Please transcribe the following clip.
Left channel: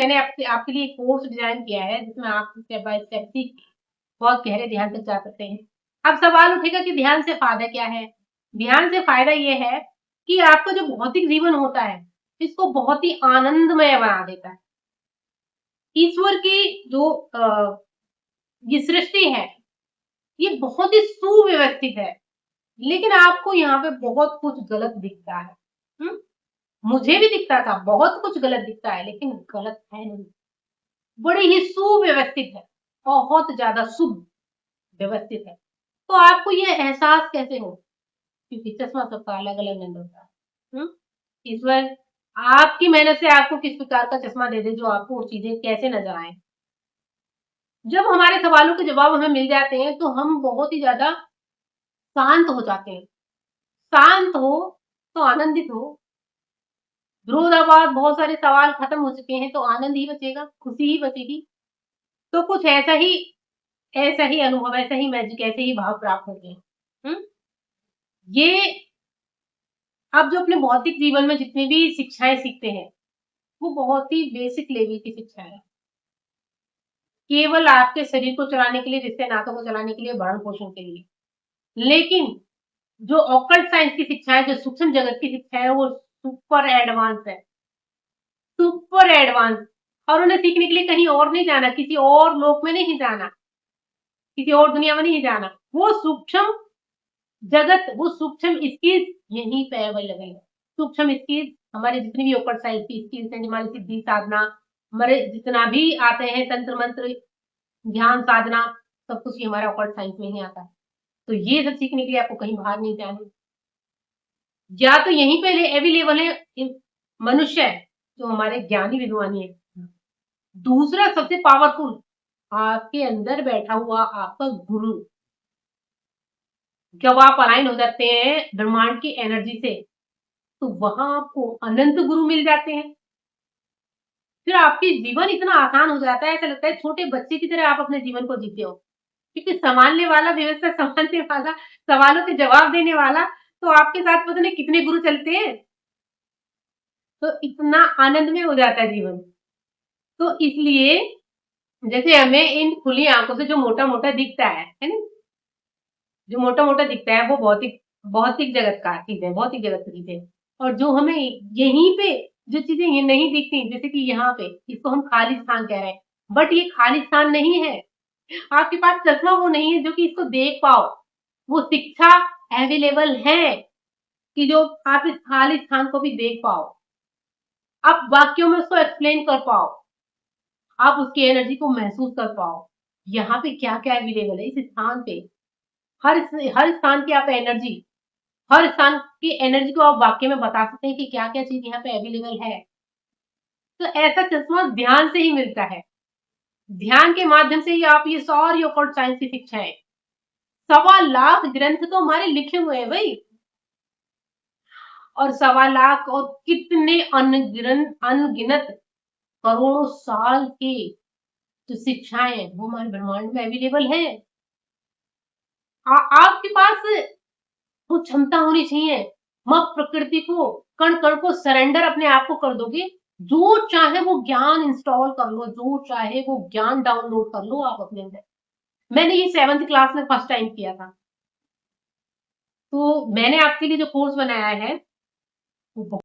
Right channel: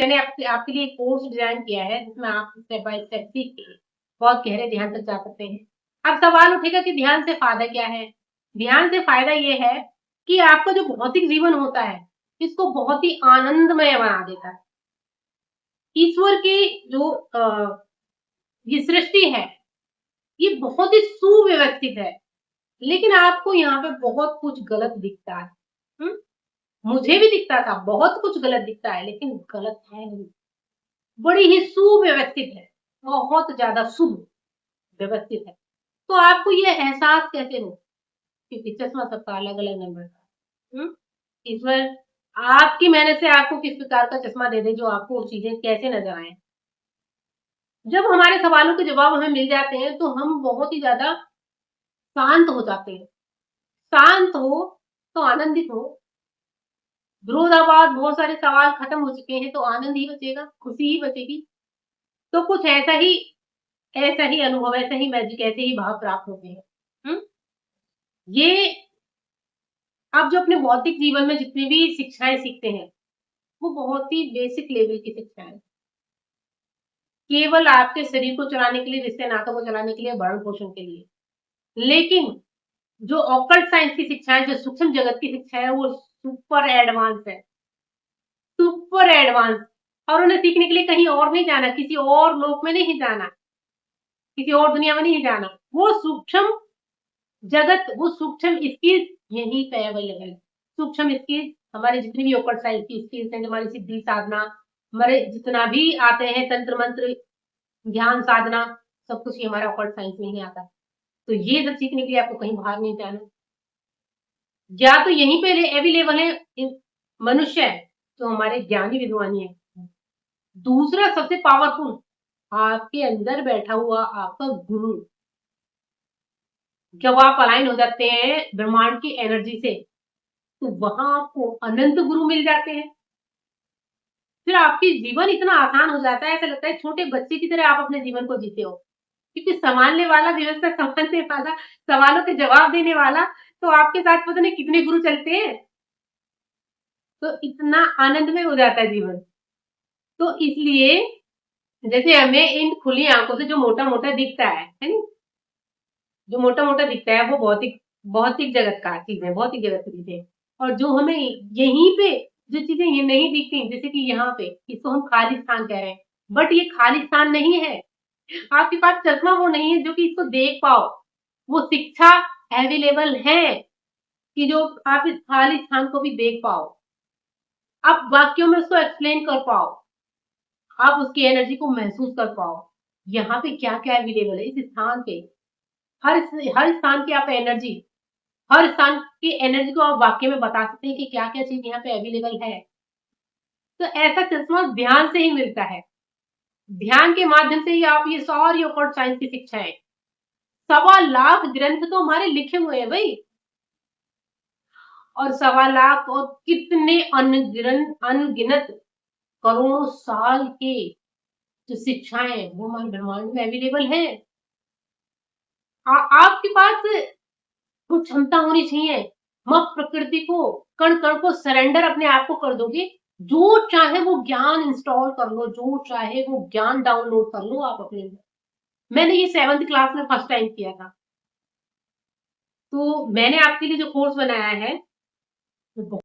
मैंने आपके लिए कोर्स डिजाइन किया है जिसमें आप स्टेप बाय स्टेप सीख के बहुत गहरे ध्यान तक जा सकते हैं। अब सवाल उठेगा कि ध्यान से फायदा क्या है? ध्यान से फायदा ये है कि आपका जो भौतिक जीवन होता है इसको बहुत ही आनंदमय बना देता है। ईश्वर की जो ये सृष्टि है ये बहुत ही सुव्यवस्थित है, लेकिन आपको यहाँ पे बहुत कुछ गलत दिखता है। हुँ? मुझे भी दिखता था, बहुत कुछ गलत दिखता है, लेकिन गलत है नहीं। बड़ी ही सुव्यवस्थित है, बहुत ज़्यादा शुभ व्यवस्थित है। तो आपको ये एहसास कैसे हो? क्योंकि चश्मा सबका अलग-अलग नंबर का है। ईश्वर आपकी मेहनत से आपको किस प्रकार का चश्मा दे दे जो आपको वो चीज़ें कैसे नज़र आएँ। जब हमारे सवालों के जवाब हमें मिल जाते हैं, तो हम बहुत ही ज़्यादा शांत हो जाते हैं। शांत हो, तो आनंदित हो। विरोधाभास बहुत सारे सवाल खत्म हो चुके हैं, तो आनंद ही बचेगा, खुशी ही बचेगी। तो कुछ ऐसा ही अनुभव, ऐसा ही मैजिक, ऐसे ही भाव प्राप्त होते हैं। हुँ? ये आप जो अपने भौतिक जीवन में जितनी भी शिक्षाएँ सीखते हैं, वो बहुत ही बेसिक लेवल की शिक्षाएँ हैं। केवल आपके शरीर को चलाने के लिए, रिश्ते-नातों को चलाने के लिए, भरण-पोषण के लिए। लेकिन जो ऑकल्ट साइंस की शिक्षाएँ, जो सूक्ष्म जगत की शिक्षा है, वो सुपर एडवांस है। Super advance. और उन्हें सीखने के लिए कहीं और नहीं जाना, किसी और लोक में नहीं जाना, किसी और दुनिया में नहीं जाना। वो सूक्ष्म जगत, वो सूक्ष्म स्किल्स यहीं पे अवेलेबल है। सूक्ष्म स्किल्स हमारे जितनी भी ओकल्ट साइंस की स्किल्स हैं, हमारी सिद्धि साधना, हमारे जितना भी आते हैं तंत्र मंत्र, ध्यान साधना, सब कुछ ये हमारा ऑकल्ट साइंस में ही आता है। तो ये सब सीखने के लिए आपको कहीं बाहर नहीं जाना। या तो यहीं पे अवेलेबल है मनुष्य जो हमारे ज्ञानी विद्वानी है। दूसरा सबसे पावरफुल आपके अंदर बैठा हुआ आपका गुरु। जब आप अलाइन हो जाते हैं ब्रह्मांड की एनर्जी से, तो वहां आपको अनंत गुरु मिल जाते हैं। फिर आपकी जीवन इतना आसान हो जाता है, ऐसा लगता है छोटे बच्चे की तरह आप अपने जीवन को जीते हो। क्योंकि संभालने वाला, व्यवस्था संभालने वाला, सवालों के जवाब देने वाला, तो आपके साथ पता नहीं कितने गुरु चलते हैं। तो इतना आनंदमय हो जाता है जीवन। तो इसलिए जैसे हमें इन खुली आंखों से जो मोटा-मोटा दिखता है ना? जो मोटा-मोटा दिखता है वो भौतिक भौतिक जगत का चीज़ है, भौतिक जगत की चीज़ है। और जो हमें यहीं पे जो चीज़ें ये नहीं दिखती, जैसे कि यहाँ पे, इसको हम खालिस्तान कह रहे हैं, बट ये खालिस्तान नहीं है। आपके पास चश्मा वो नहीं है जो कि इसको देख पाओ। वो शिक्षा अवेलेबल है कि जो आप इस खालिस्तान को भी देख पाओ। आप वाक्यों में उसको एक्सप्लेन कर पाओ। आप उसकी एनर्जी को महसूस कर पाओ। यहाँ पे क्या-क्या अवेलेबल है इस स्थान पे। हर स्थान की आप एनर्जी, हर स्थान की एनर्जी को आप वाक्य में बता सकते हैं कि क्या-क्या चीज़ यहाँ पे अवेलेबल है। तो ऐसा चश्मा ध्यान से ही मिलता है। ध्यान के माध्यम से ही आप ये सारी ऑकल्ट साइंस की शिक्षाएँ, 1.25 लाख ग्रंथ तो हमारे लिखे हुए हैं भई। और 1.25 लाख और कितने अनगिनत करोड़ों साल की जो शिक्षाएँ हैं, वो हमारे ब्रह्मांड में अवेलेबल हैं। आपके पास वो क्षमता होनी चाहिए। आप प्रकृति को, कण-कण को सरेंडर अपने आप को कर दोगे, जो चाहे वो ज्ञान इंस्टॉल कर लो, जो चाहे वो ज्ञान डाउनलोड कर लो आप अपने अंदर। मैंने ये 7th क्लास में फर्स्ट टाइम किया था। तो मैंने आपके लिए जो कोर्स बनाया है, वो